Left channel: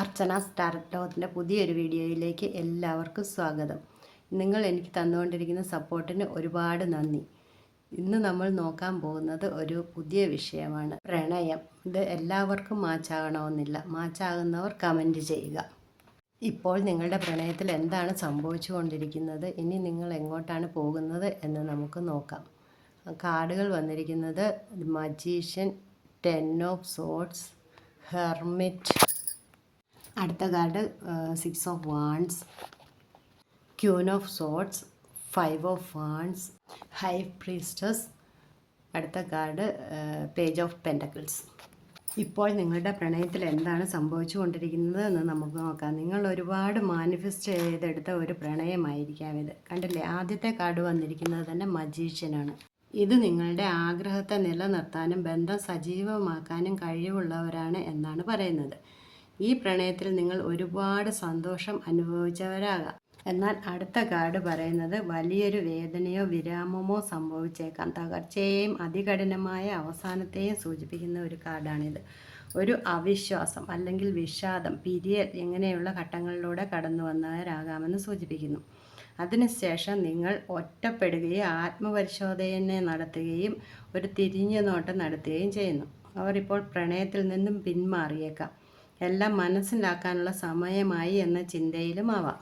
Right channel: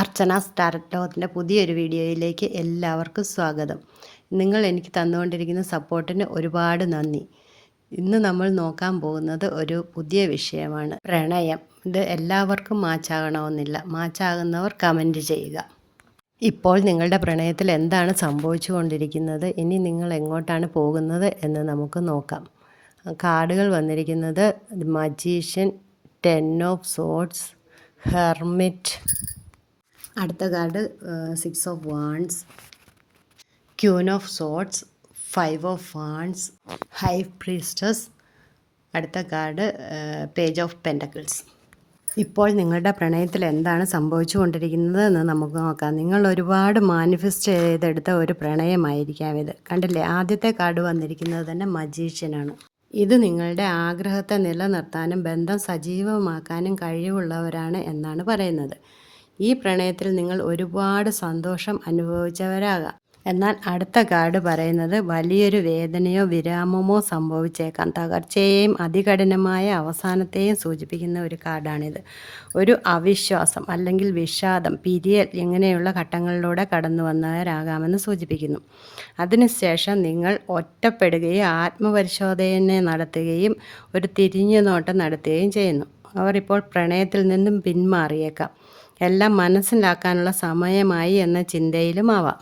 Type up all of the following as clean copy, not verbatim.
അർച്ചനാസ് tarot ലോകത്തിൻ്റെ പുതിയൊരു വീഡിയോയിലേക്ക് എല്ലാവർക്കും സ്വാഗതം. നിങ്ങൾ എനിക്ക് തന്നുകൊണ്ടിരിക്കുന്ന സപ്പോർട്ടിന് ഒരുപാട് നന്ദി. ഇന്ന് നമ്മൾ നോക്കാൻ പോകുന്നത് ഒരു പുതിയ വിഷയമാണ്, പ്രണയം. ഇത് എല്ലാവർക്കും മാച്ചാകണമെന്നില്ല. മാച്ചാകുന്നവർ കമൻറ്റ് ചെയ്യുക. ഇപ്പോൾ നിങ്ങളുടെ പ്രണയത്തിൽ എന്താണ് സംഭവിച്ചുകൊണ്ടിരിക്കുന്നത്, ഇനി നിങ്ങൾ എങ്ങോട്ടാണ് പോകുന്നത് എന്ന് നമുക്ക് നോക്കാം. കാർഡുകൾ വന്നിരിക്കുന്നത് മജീഷ്യൻ, 10 ഓഫ് സോർഡ്സ്, ഹെർമിറ്റ്. അടുത്ത card 6 of wands, queen of swords, 5 of wands, high priestess. അടുത്ത കാർഡ് പേജ് ഓഫ് പെൻറ്റക്കിൾസ്. ഇപ്പോൾ നിങ്ങളുടെ പ്രണയത്തിൽ എന്താണ് സംഭവിച്ചു കൊണ്ടിരിക്കുന്നത് എന്ന് നമുക്ക് നോക്കാം. നിങ്ങൾ ഒരുപാട് മാനിഫെസ്റ്റ് ചെയ്തെടുത്ത ഒരു പ്രണയമായിരിക്കാം ഇത്. കണ്ടില്ലേ, ആദ്യത്തെ കാർഡ് വന്നിരിക്കുന്നത് തന്നെ മജീഷ്യനാണ്. ഇത് നിങ്ങളുടെ ആഗ്രഹത്തെ നിലനിർത്താനും ബന്ധം സജീവമാക്കാനും കഴിവുള്ളവരാണ് എന്നാണ് പറയുന്നത്. ഈ പ്രണയത്തിൽ നിങ്ങൾ ഒരുപാട് സന്തോഷം അനുഭവിച്ചവരാകാം. എന്നാൽ അടുത്ത കാർഡ് പറയുന്നത് വലിയൊരു വേദനയോ വിരാമമോ സംഭവിച്ചേക്കാം. തകർച്ചയെയും അതികഠിനമായ അവസാനത്തെയും സൂചിപ്പിക്കുന്ന ഒരു കാർഡാണിത്. ഒരു അവിശ്വാസം അല്ലെങ്കിൽ വിഷാദം, പിരിയൽ ഇങ്ങനെയുള്ള ഘട്ടങ്ങളിലൂടെ കടന്നു വന്നവരാകാമെന്ന് സൂചിപ്പിക്കുന്നു. അതിനുശേഷം നിങ്ങൾ ഒറ്റപ്പെടുകയും ആത്മപരിശോധന നടത്തുകയും ഒരു തിരിഞ്ഞുനോട്ടം നടത്തുകയും ചെയ്യുന്നു. അവർ ഇപ്പോൾ പ്രണയത്തിൽ നിന്നും പിന്മാറിയേക്കാം. എല്ലാം മനസ്സിലാക്കാനുള്ള സമയമായി എന്ന ചിന്തയിലുമാവാം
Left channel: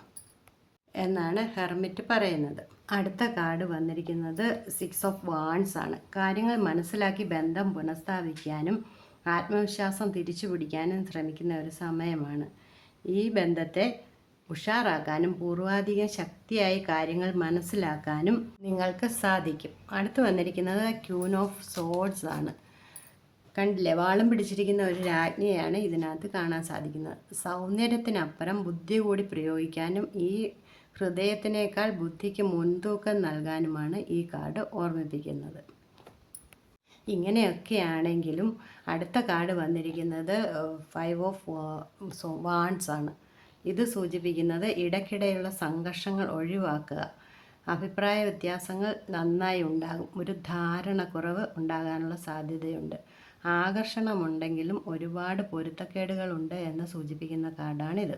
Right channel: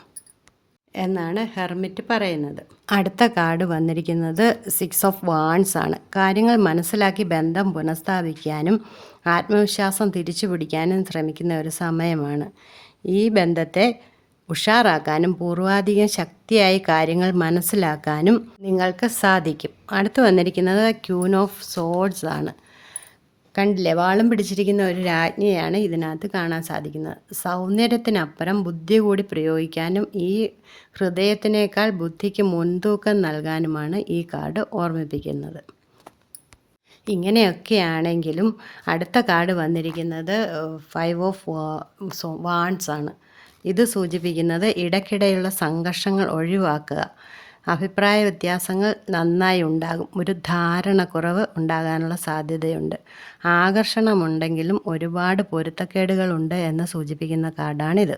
എന്നാണ് ഹെർമിറ്റ് പറയുന്നത്. അടുത്ത കാർഡ് വന്നിരിക്കുന്നത് 6 ഓഫ് വാൺസ് ആണ്. കാര്യങ്ങൾ മനസ്സിലാക്കി ബന്ധം പുനഃസ്ഥാപിക്കാനും ആത്മവിശ്വാസം തിരിച്ചു പിടിക്കാനും ശ്രമിക്കുന്ന ഒരു സമയമാണ്. ഈ ബന്ധത്തെ ഉഷാറാക്കാനും പൂർവാധികം ശക്തിയായി കാര്യങ്ങൾ മനസ്സിലാക്കാനും നിങ്ങൾക്ക് സാധിക്കും. അടുത്ത് വന്നിരിക്കുന്നത് ക്യൂൻ ഓഫ് സോർഡ്സ് ആണ്. കണ്ടില്ലേ, വാളും പിടിച്ചിരിക്കുന്ന ഒരു രാജ്ഞിയാണ് ഇതിനകത്ത് കാണാൻ സാധിക്കുന്നത്. സൗന്ദര്യത്തിനപ്പുറം ബുദ്ധി കൂടി പ്രയോഗിക്കാനും ഈ ഹൃദയത്തിനേക്കാൾ ബുദ്ധിക്ക് മുൻതൂക്കം നൽകാനുമാണ് ഈ കാർഡ് ഓർമ്മിപ്പിക്കുന്നത്. ഇങ്ങനെയൊക്കെയാണെങ്കിലും അടുത്ത കാർഡ് വന്നിരിക്കുന്നത് 5 ഓഫ് വാൺസ് ആണ്. ഇത് സൂചിപ്പിക്കുന്നത് ഇടയ്ക്കിടെയുള്ള സംഘർഷങ്ങൾ ഒഴിവാക്കുക. അഭിപ്രായ വ്യത്യാസങ്ങൾ നന്നായി ഉണ്ടാകും. ഒരു ധാരണക്കുറവ് ഉണ്ടാകാനുള്ള സാധ്യതയുണ്ട്. ആകർഷണമുണ്ടെങ്കിലും ഒരുപാട് പൊരുത്തക്കേടുകളുണ്ട് എന്ന് സൂചിപ്പിക്കുന്ന കാർഡാണിത്.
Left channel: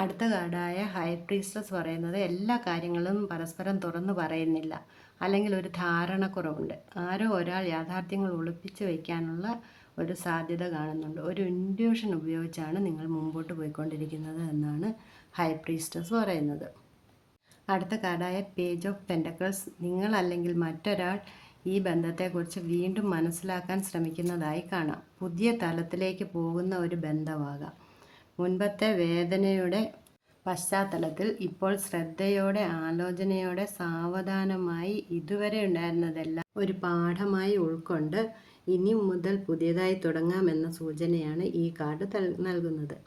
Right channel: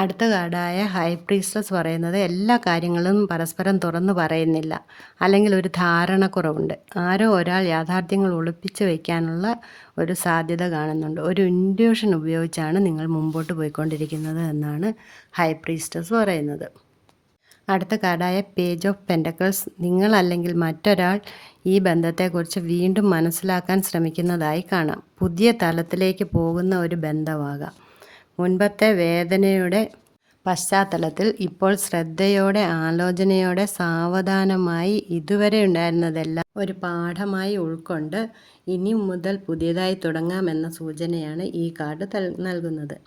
അടുത്ത കാർഡായ ഹൈ പ്രീസ്റ്റസ് പറയുന്നത് എല്ലാ കാര്യങ്ങളും പരസ്പരം തുറന്നു പറയുന്നില്ല, അല്ലെങ്കിൽ ഒരു ധാരണക്കുറവുണ്ട്. ആരോ ഒരാൾ യാഥാർത്ഥ്യങ്ങൾ ഒളിപ്പിച്ച് വയ്ക്കാനുള്ള ഒരു സാധ്യത കാണുന്നുണ്ട്. ഒരു ഇൻഡ്യൂഷൻ ഉപയോഗിച്ചാണ് നിങ്ങൾ മുമ്പോട്ട് പോയിക്കൊണ്ടിരിക്കുന്നത് എന്നാണ് ഹൈ പ്രീസ്റ്റസ് പറയുന്നത്. അടുത്ത കാർഡായ പേജ് ഓഫ് പെൻറ്റക്കിൾസ്, നിങ്ങൾ അല്ലെങ്കിൽ മറ്റൊരാൾ ഈ ബന്ധത്തെക്കുറിച്ച് വീണ്ടും മനസ്സിലാക്കാൻ ശ്രമിക്കുന്നതായി കാണാം. പുതിയ തലത്തിലേക്ക് പോകുന്ന ഒരു ബന്ധമാകാം. മുൻപത്തെ വേദനയുടെ പശ്ചാത്തലത്തിൽ ഇപ്പോൾ ശ്രദ്ധയോടെ, ആലോചനയോടെ, സാവധാനമായി ഇതുവരെ ഉണ്ടായിരുന്നതെല്ലാം ഒരു പാഠമായി ഉൾക്കൊണ്ട് ഇനി മുതൽ പുതിയതായി തുടങ്ങാമെന്ന സൂചനയാണ് ഈ കാർഡ് നൽകുന്നത്.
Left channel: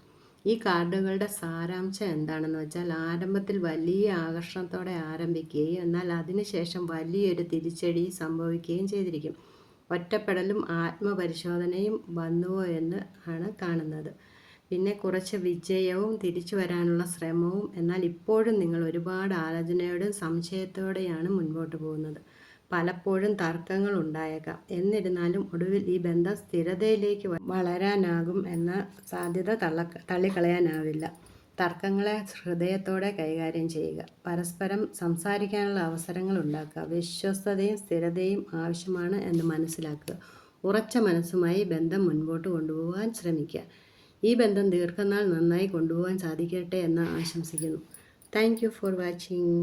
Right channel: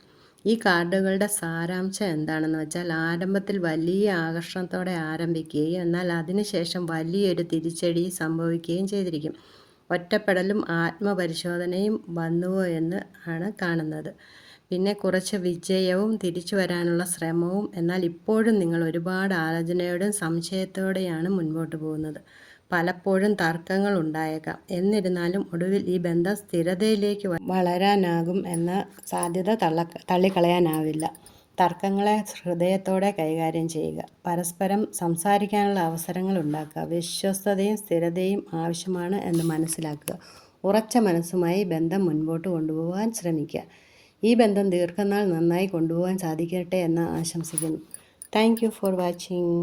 ഈ കാർഡുകളുടെ സാരാംശം എന്താണെന്ന് വെച്ചാൽ, ആരംഭത്തിൽ വലിയ ആകർഷണത്തോടെ ആരംഭിക്കുകയും എന്നാൽ അതിനുശേഷം വലിയൊരു തിരിച്ചടി സംഭവിക്കുകയും ചെയ്തിരിക്കും. ഒറ്റപ്പെടലും ആത്മപരിശോധനയും വന്നുവോ എന്ന് ആണ് കാണുന്നത്. പിന്നെ കുറച്ച് വിജയവും തിരിച്ചു വരാനുള്ള ശ്രമവും. എന്നാൽ ഇപ്പോഴും നിങ്ങൾ ഒരുപാട് ആലോചനയോടും സംശയത്തോടെയാണ് മുൻപോട്ട് പോകുന്നത്. പലപ്പോഴും തർക്കങ്ങൾ ഉണ്ടായേക്കാം. എന്നിരുന്നാലും ഒടുവിൽ ഈ ബന്ധം സ്ഥിരതയിലേക്ക് വളരാനാകും എന്ന സാധ്യത തള്ളിക്കളയാനാവില്ല. തർക്കങ്ങളെ ഹൃദയത്തോടെ കൈകാര്യം ചെയ്യുക. പരസ്പരം സംസാരിക്കാനുള്ള അവസരങ്ങൾ ഉണ്ടാക്കുക. വിശ്വസ്തതയും സ്ഥിരതയും ആവശ്യമാണ് എന്ന് മനസ്സിലാക്കുക. ഉറച്ച മനസ്സുമായി ബന്ധം മുൻപോട്ട് കൊണ്ടുപോകാൻ ശ്രമിക്കുക. ഈ ബന്ധം ദീർഘനാൾ നന്നായി കൊണ്ടുപോകാൻ സാധിക്കട്ടെ എന്ന് ആശംസിക്കുന്നു. Thank you for watching.